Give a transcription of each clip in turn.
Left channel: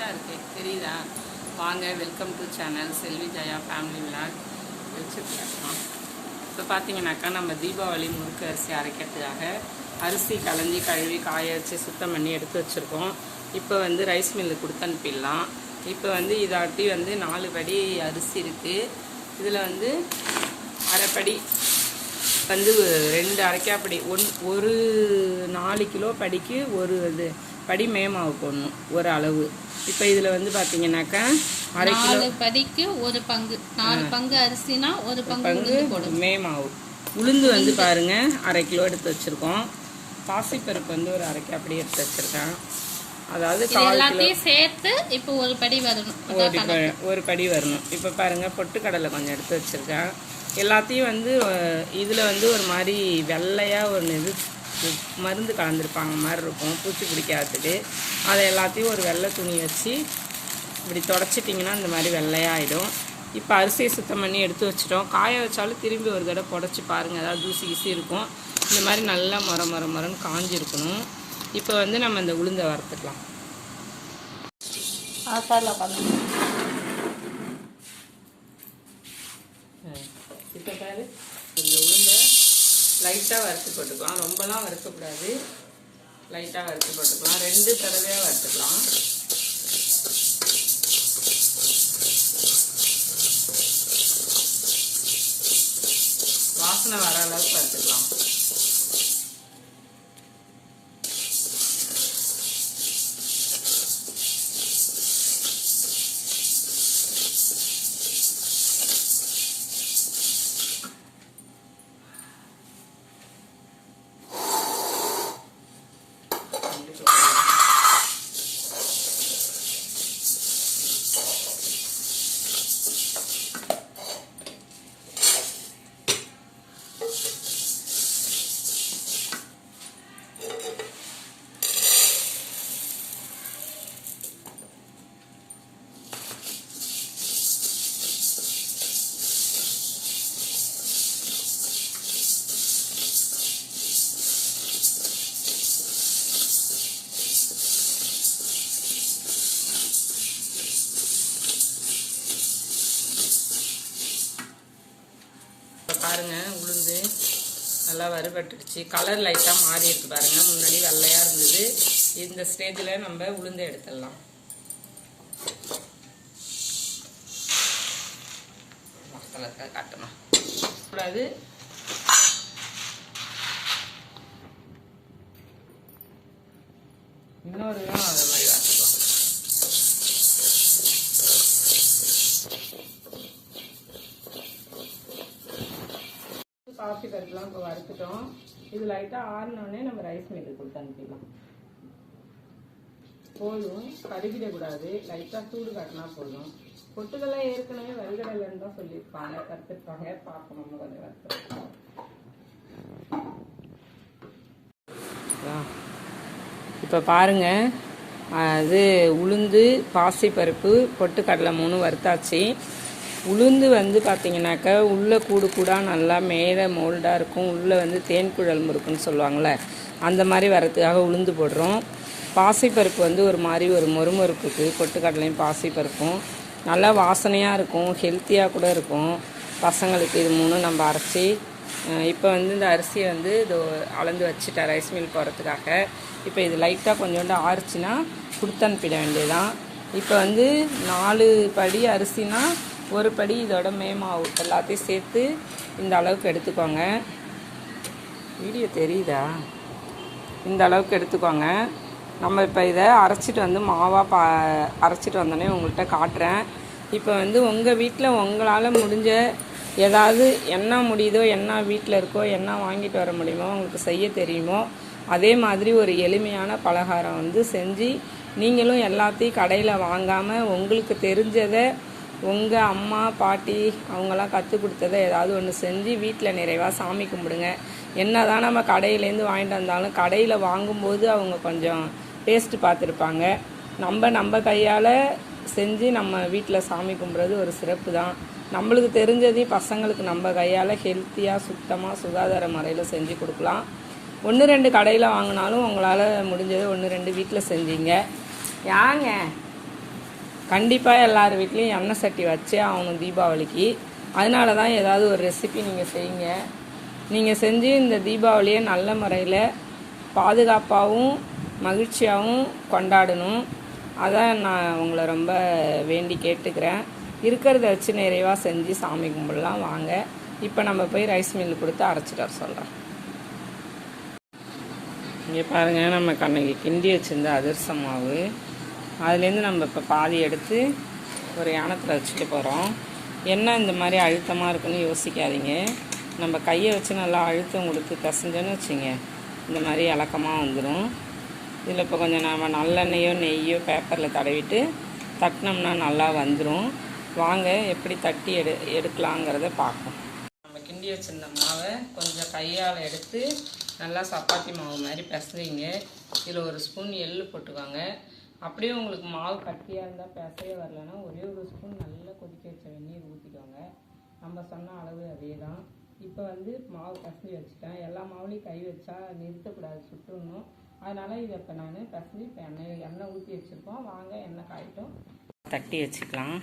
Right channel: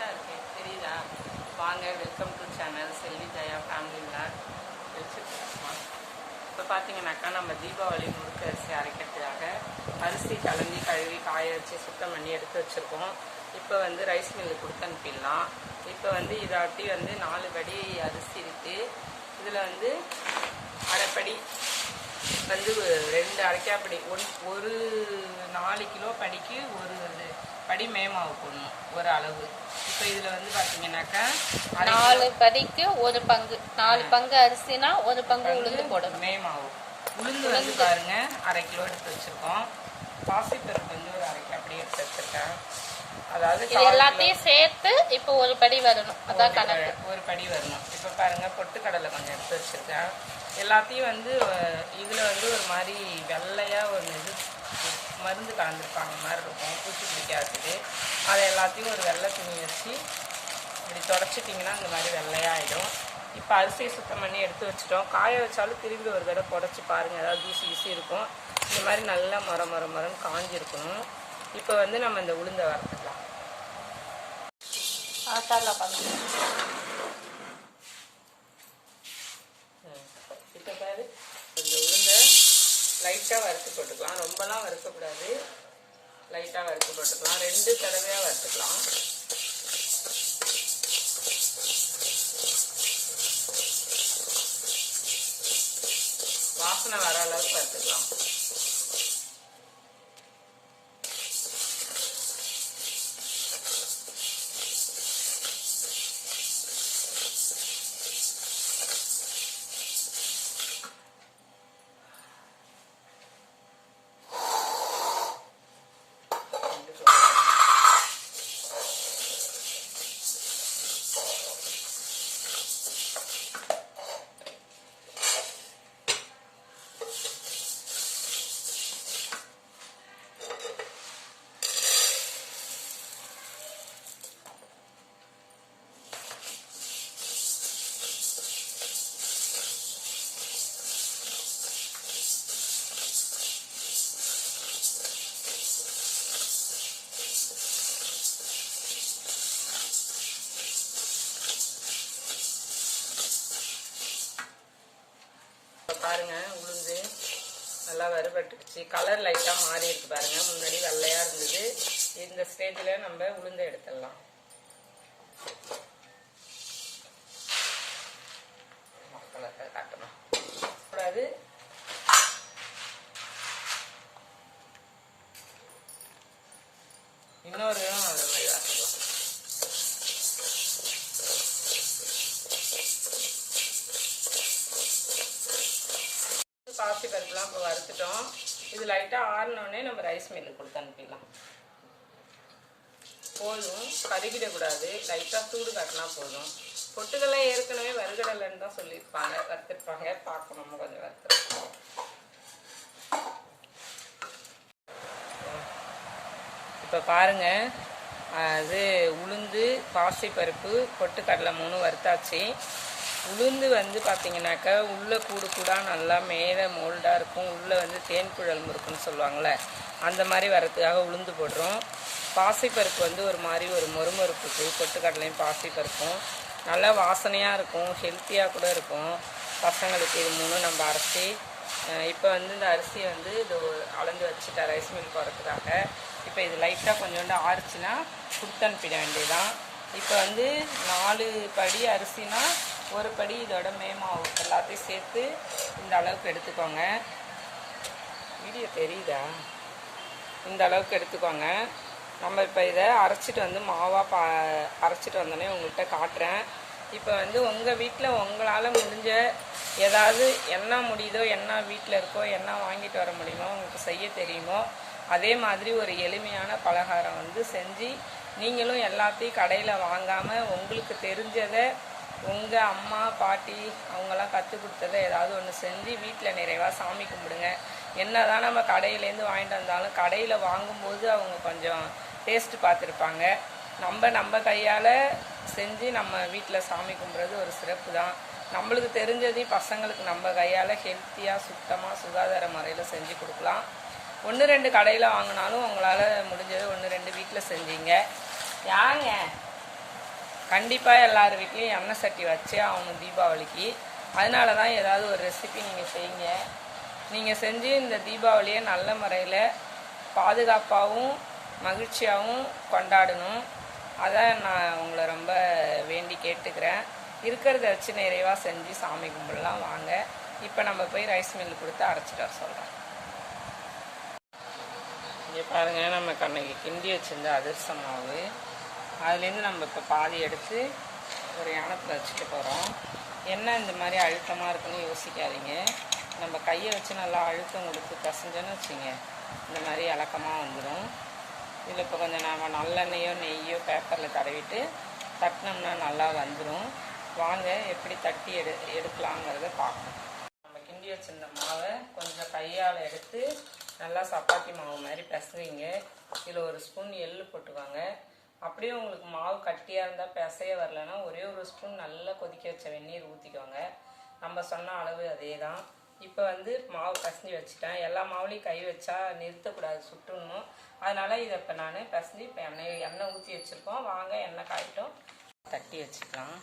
பிரைட்டாக இருக்கு தெரியுதா? வாங்க, welcome to channel Selvi Jaya family vlog. வச்சுருக்கோம். இப்போ பார்த்தீங்கன்னாக்கா நம்ம தீபாவளி முறுக்கு அரிசி அரைக்கிறதுக்காக அரிசி களைஞ்சி கழுவி காய வச்சு சுத்தம் பண்ணி எடுத்து வச்சுருக்கோம். இப்போ வந்து ரைஸ் மில்லு கொடுத்து அனுப்பிடலாம். இப்போ வந்து இதாட்டி வந்து 4 படி அரிசி இருக்குது. இதில் வந்து அரைப்படி வந்து 2 அரைக்காப்படி ஒரு 4 கிலோ படிக்கு ஒரு இது படி மேமாவு போடணும் ஒரு அளவு. இப்போ இதில் வந்து பார்த்தீங்கன்னாக்கா 4 படிக்கு ஒரு பங்கு, 4 பங்கு அரிசினா ஒரு பங்கு உளுந்து போடணும். மேமாவு உளுந்து வந்து பாருங்க 1/2 கிலோ எடுத்து வச்சுருக்கோம். பாசிப்பருப்பு வந்து ஒரு அரைக்காப்படி எடுத்து வச்சுருக்கேன். அதாவது எல்லாத்தையும் சேர்த்து இப்போ ஒரு படி வரணும், அதான் ஒரு படி வரணும். இப்போ பாருங்க பொட்டுக்கடலை கொஞ்சம் எடுத்து வச்சுருக்கேன். எல்லாத்தையும் வந்து இதில் வந்து ஒரு மாதிரி வெள்ளையாக ஒரு இது மருந்து கலந்துருப்பாங்க மாதிரி இருக்கும், பூச்சி பிடிக்காததுக்கு. அதை எல்லாத்தையும் ஒரு வெள்ளை துணி வச்சு இப்படி தொடச்சிட்டிங்கன்னா இந்த மாதிரி வெள்ளையாகிடும். இப்போ அரிசியை சுத்தம் பண்ணி எடுத்து வச்சிட்டோம். காய வச்சாலும் திரும்பி ஒரு தடவை புடச்சி பாருங்கள், ஏதாவது தூசி கீசி இருக்கும். இந்த மாதிரி நல்லா மரம் காஞ்சிருக்கணும். இப்போ வந்து நம்ம இந்த உளுந்தை வறுத்துக்கலாம். இப்போ பாரு, இந்த உளுந்தை லைட்டாக வறுத்து போட்டுக்கலாம். ரொம்பலாம் வறுக்கக்கூடாது, லைட்டாக வறுத்து போட்டுக்கலாம். 2 தடவையாக வறுத்துக்கலாம். வாசனை வர அளவுக்கு வறுத்துக்கலாம். பாருங்க, உளுந்து நல்லா வறுபட்டுடுச்சு. கலர் லைட்டாக மாறி இருக்கு பாருங்க. முன்னாடி வெள்ளையாக இருந்தது. இந்த ஸ்டேஜில் நம்ம உளுந்தை எடுத்துடலாம். காட்டணும் கூடாது. இன்னொரு அது மாதிரி வாசிக்கலாம். பாசி பருப்புலாம் இப்போ வறுத்துட்டோம். இது லைட்டாக ஆறினோடனே நம்ம ரைஸ் மில்லுக்கு கொடுத்து அனுப்பிடலாம். போதும், கருகிடக்கூடாது, லைட்டாக சூடு காட்டினா போதும். பொட்டுக்கெல்லாம் ஏற்கனவே வறுகடலைன்னு தான் சொல்லியிருப்பாங்க, வறுத்துருப்பாங்க. பார்க்கணும், நம்ம கொஞ்சம் வறுத்துருப்போம். இப்போ பாருங்கள், அது உளுந்து பாசிப்பருப்பு பொட்டுக்கடலை 3 வறுத்தாச்சு. உளுந்து வந்து பார்த்தீங்கன்னாக்கா உள்ளே கூடாக நல்லா மேலே மோல்டாக இருக்கும். உள்ளே வந்து தேன் குழல் முறுக்குன்னு சொல்லுவாங்கள்ல, அந்த மாதிரி வரத்துக்காக உளுந்து போடுறோம். பாசிப்பருப்பு வந்து ஒரு மாதிரி ஒரு மொறுமொறுப்புக்கு பொட்டுக்கடலையும் பாசிப்பருப்பும் நல்லா வாசனையாக இருக்கும், ஹெல்த்தியாக கூட இருக்கும். பசங்களுக்கு இது 3 நம்ம அரைச்சி இப்போ வந்து இந்த அரிசியை வந்து இது அளந்து வச்சுட்டேன் ரைஸ் மில் போகிறதுக்காக. இப்போ இது லைட்டாக கொஞ்சோண்டு ஆறிச்சுன்னா கொடுத்து அனுப்பிட வேண்டியதுதான். இப்போ வந்து 4 படி அரிசினா ஒரு படி இதோட மேமாவு எல்லாத்தையும் சேர்த்து இந்த அளவுக்கு எடுத்துக்கோங்க. வீடியோ தெரியுதா? இந்த அளவுக்கு எடுத்துக்கோங்க. நம்ம இப்போ இதை அரைச்சிட்டு வந்து மாவாக அரைச்சிட்டு வந்தோடனே உங்கள்கிட்ட காட்டுறேன். இப்போ வந்து உங்கள் வீட்டில் உங்களால் முடிஞ்ச ஏதாவது என்ன முடியுதோ, என்ன வீட்டில் இருக்கோ, என்ன வாங்கிட்டு வர முடியுமோ, உங்களுக்கு செய்ய தெரியுமோ அதே மாதிரி ஒரு எளிமையான பலகாரம் வந்து செஞ்சு நீங்களும் எல்லாத்தையும் கடையில் வாங்காமல் உங்களுக்கு தெரிஞ்சதை உங்கள் அம்மா பாட்டி அவங்களாம் கற்றுக் கொடுத்ததை ஏதாவது ஒன்று செஞ்சு வீட்டில் நிறைவாக சாமி கும்பிடுங்க. என்ன தான் நம்ம கடையிலேருந்து வாங்கிட்டு வந்தாலும் கடையில் வாங்கும்போது அவங்க கொஞ்சம் டேஸ்ட்டு பார்த்துருப்பாங்க. நம்ம கையால் செஞ்சு நம்ம வீட்டில் சாமி கும்பிட்றது ஒரு சிறப்பு தான். நம்மளுக்கு தெரிஞ்சதையும் பசங்களுக்கு நம்ம கையால் ஹெல்த்தியாக சுத்தமாக சுகாதார முறையில் செஞ்சு கொடுக்கலாம். 1-2 கடையில் வாங்கினாலும் உங்களால் முடிஞ்சது 1-2 வீட்டில் செஞ்சீங்க. யாங்க கண்டிப்பாக எல்லார் வீட்லேயும் எண்ணெய் சட்டி வச்சே ஆகணும் தீபாவளிக்கு. அதனால தான் ஏதாவது ஒரு ரெசிபி நீங்கள் செய்யுங்க. நீங்கள் செஞ்சு இந்த தீபாவளியை நல்ல முறையில் பாதுகாப்பாகவும் மகிழ்ச்சியாகவும் கொண்டாடணும். அதான் நான் உங்களை ரொம்ப வேண்டி கேட்டுக்கிறேன். இருக்கிறத வச்சு நிறைவாக செஞ்சு சாமி கும்பிடலாம். வாங்க இப்போ நம்ம போய் ரைஸ் மில்லு கொடுத்து அரைச்சிட்டு வர சொல்கிறோம். இங்கே பாருங்கள், நம்ம அன்னைக்கு கிண்டி வச்சுருந்த அதிரச மாவு, அதுலேருந்து நம்ம இப்போ பாதி எடுத்து ஒரு யானத்தில் வச்சுட்டு போகிறோம். என்ன இந்த மாதிரி அழுத்தமாக இருக்குன்னு யோசிக்காதீங்க. நம்ம கையை வச்சு நல்லா அழுத்தம் கொடுத்து பிசைஞ்சோன்னு வச்சுங்க, இந்த மாதிரி இலக்கமாக வந்துடும். இதில் இப்போ கொஞ்சம் நம்ம நல்லெண்ணெயோ நெய்யோ பேப்பரில் தடவிட்டு தட்டினோம்னா நல்லா வந்துடும். வாங்க எப்படி தட்டி எடுக்கலாங்கிறத பார்ப்போம். நம்ம கிண்டி வச்சுருந்த மாவை கொஞ்சம் கையால் எடுத்து நல்லா சப்பாத்தி மாவு மாதிரி பிசைங்க. இதில் ஒரு ஸ்பூன் எள்ளு போட்டுக்கோங்க. அப்படியே உங்களுக்கு மாவு கட்டியாக இருந்தால் பிசைய வரலன்னா ஒரே ஒரு ஸ்பூன் நல்லா கொதிக்க வச்ச வெந்நீர் ஊற்றிக்கோங்க. நம்ம சொன்ன அளவு அதே தான். இப்போ வந்து மாவு பிசைஞ்சு வச்சுட்டேன். எல்லா மாவுலேயும் கை வச்சா நிறுத்தக்கூடாது, சுட்டுடணும். அதனால் இதை இப்போ நான் பிசைஞ்சு இப்போ எண்ணெய் ஊற்றி வச்சுருக்கோம். வாங்க எண்ணெய் காயிட்டும், தட்டி வச்சுக்கலாம்.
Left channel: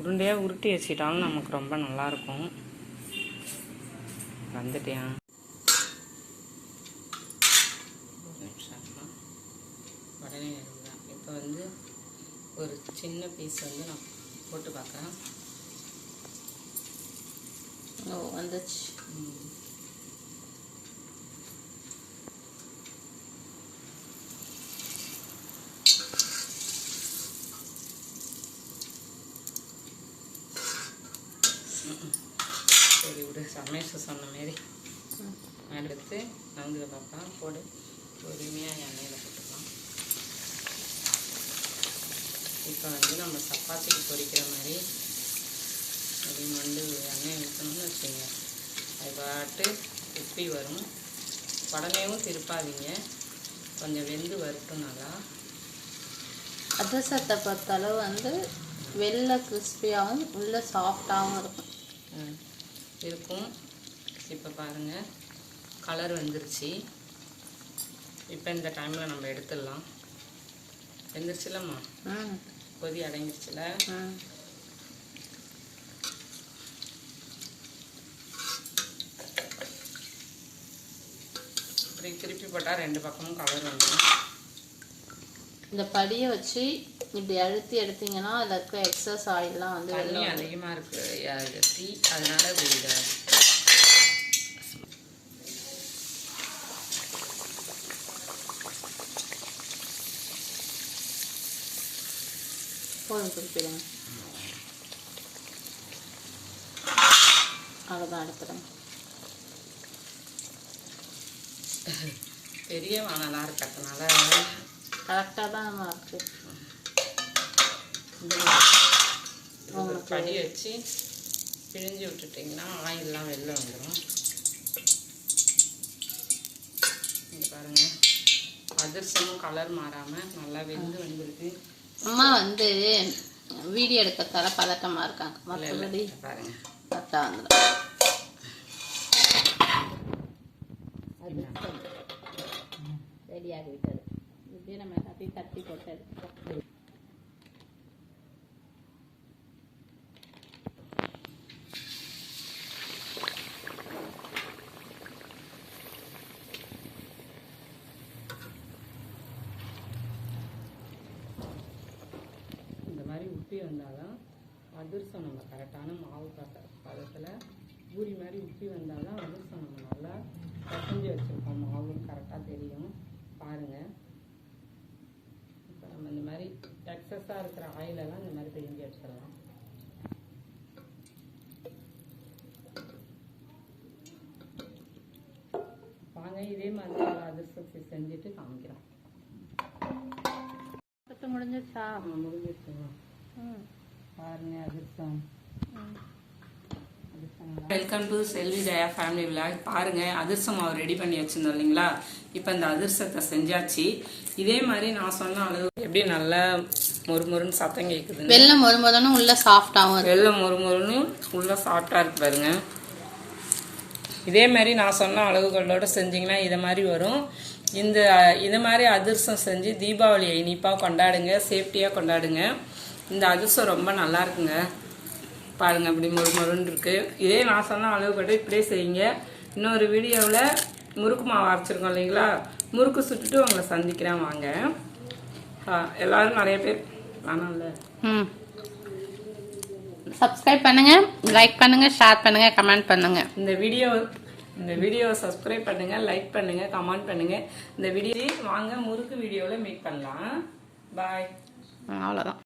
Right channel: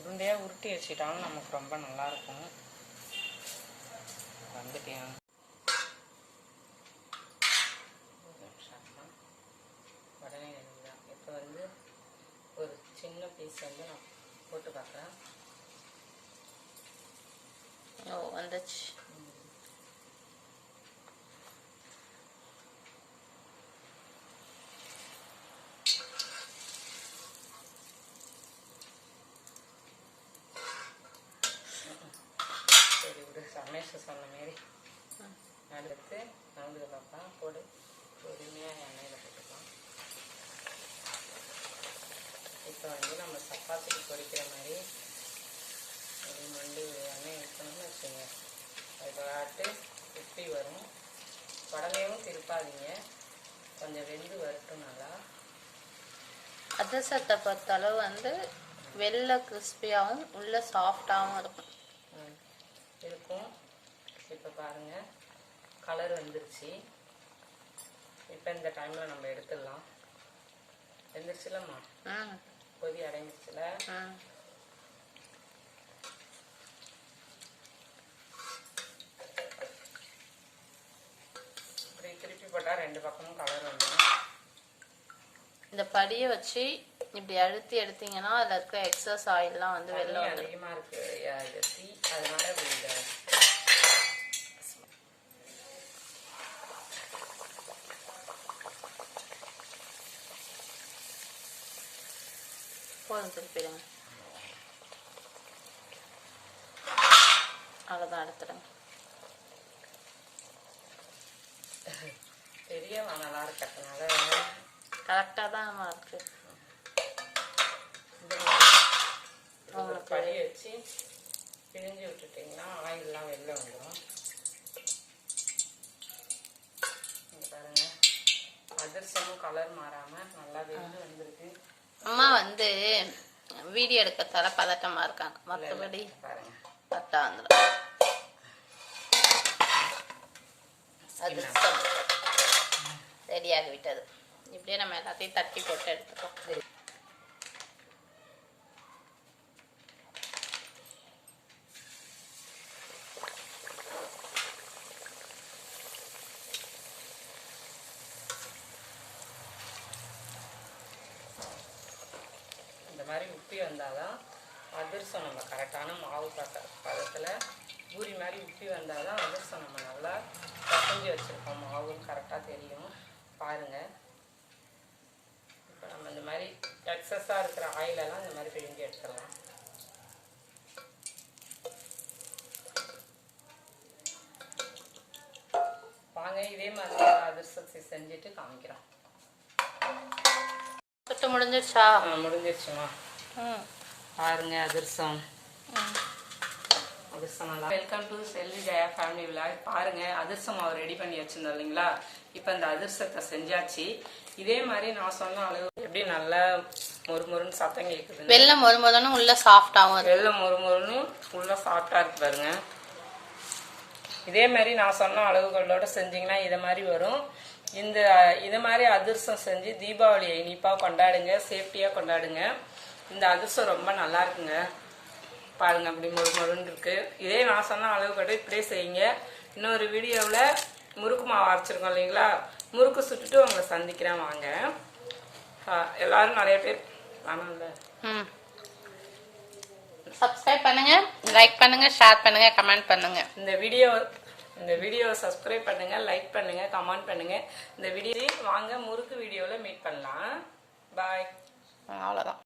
உருண்டையாக உருட்டி வச்சுக்கிட்டாலும் நமக்கு ரொம்ப நல்லாயிருக்கும். வந்துட்டேன், ஒரு நிமிஷம் உடனே எடுக்கலாம். இப்போ வந்து ஒரு சின்ன பீஸ் வந்து நான் போட்டு பார்க்குறேன். ஓ, வந்துச்சு. சரி விடு, சமேச சொன்ன மாரி எடுத்து நங்குல பாப்பா போடு. பொறுமையாக எண்ணெயில் போட்டுக்கலாம். இப்போ வந்து நம்ம சப்பாத்திக்கு பொரிக்கிற மாதிரி ஒரு மண்டு எண்ணெய் ஊற்றணும்னு வச்சுங்க, அது பாட்டு உப்பி வரும். உடனேவும் திருப்பாதீங்க, கொஞ்சம் வெந்து வரட்டும் நல்லா. அதிரசத்தை பொறுத்தளவு வந்து வெளில கிறிஸ்பியாகவும் உள்ள சாஃப்டாகவும் இருக்கும். இப்போ பாருங்கள், கலர் வந்துருச்சு. இப்போ இந்த டைமில் நம்ம எடுத்துடலாம். வெந்துருச்சுலம்மா, கொதி அடங்கிடுச்சுல. இப்படி திருப்பி போட்டால் ரெண்டு பக்கமும் கலர் வந்துடும். இந்த படியை வச்சு இப்படி அழுத்தி எடுத்தீங்கன்னா அதில் இருக்க எக்ஸஸ் ஆயிலெலாம் வந்து தண்ணி அதிகமாக இருக்குது டீ, அதனால இப்படி இதை போதும், திருப்பிடுங்க. அவ்வளோதான், எடுத்துடுங்க. பெரிய வானலாக இருக்கிறதுனால கரெக்டாக தான் நம்ம இருக்கு. ஒரு படி வச்சு பிழிஞ்சு விட்டுட்டிங்கன்னா ஆயிலெலாம் வெளில வந்துடும். இங்கே பாருங்கள், அதிரசமும் கலர் மாறாமல் நல்லா வெந்து வந்துருக்கு. அம்மா வந்து வீடியோ எடுக்கிறதால பதட்டமாக இருக்காங்க, மற்றபடி பாருங்கள் கரெக்டாக வந்துடும். அதிரசம் ரெடியாகி விட்டது. இப்படியே நம்ம எல்லாத்தையும் தட்டி போட்டு எடுத்துப்போம். இந்த மாதிரி உப்பி வந்தால் தான் அதிரசம் நம்ம கரெக்டான மாவு பதத்தில் பூரி மாதிரி உப்பி வந்தால் தான் அதிரசம் நம்ம நல்லா பசஞ்சு வச்சுருக்கோம். மாவும் கரெக்டாக தெரியும் பாருங்கள். இப்போ நம்ம இந்த மாதிரி எக்ஸஸாக இருக்கிற ஆயிலெல்லாம் இந்த மாதிரி பிழிஞ்சு எடுத்துடலாம். வாங்க இதே மாதிரி அதிரசத்தை செஞ்சுட்டு காமிக்கிறோம். முடிஞ்சிருச்சா? முடிஞ்சிருச்சுமா. பாருங்க அதிரசம். Welcome to Selvi Jaya family vlog. பாருங்க அதிரசம் அவர் ரெடி பண்ணி வச்சிருந்தோம் இல்லைங்களா. இப்போ இந்த அதிரசத்தை செஞ்சாச்சு. இதே மாதிரி நான் சொன்ன அளவு எப்படி நல்லா மொறுமொறுன்னு சத்தம் கேட்குது. வெள்ளை மொறுமொறுன்னு உள்ள சாஃப்டாகவும், வெள்ளை மொறுமொறுன்னு உள்ள சாஃப்டா இருக்கு பாருங்க. இதே மாதிரி நான் சொன்ன அளவுகளோட செஞ்சிங்கன்னா இதை மாதிரி வரும். இது மாதிரி அதிரசம் செஞ்சு தீபாவளியை இனிப்பாக கொண்டாடுங்க, சேஃப்டியாக கொண்டாடுங்க. இந்த அதிரசம் ரொம்ப நல்லா இருக்குங்க. பாருங்கள் அப்படி மொறுன்னு இருக்குது. இதே நான் சொன்ன அளவுகளோட இப்படியே செய்யுங்க. இன்னொரு வீடியோவில் முறுக்கு மாவு அரைச்சிருக்கோம் இல்லைங்களா, முறுக்கு சுட்டுட்டு உங்களை சந்திக்கிறேன் வாங்க. எல்லாரும் நிறைய பேர் வேணாம்ல சப்ஸ்கிரைப் பண்ணுங்க, லைக் பண்ணுங்க, ஷேர் பண்ணுங்க, கமெண்ட் பண்ணுங்க. இந்த வீடியோவை சப்ஸ்கிரைப் பண்ணுங்க, லைக் பண்ணுங்க, கமெண்ட் பண்ணுங்க. இந்த வீடியோ வாங்க முறுக்கு வீடியோவில் மீட் பண்ணலாம். பாய். அவ்வளோதான்.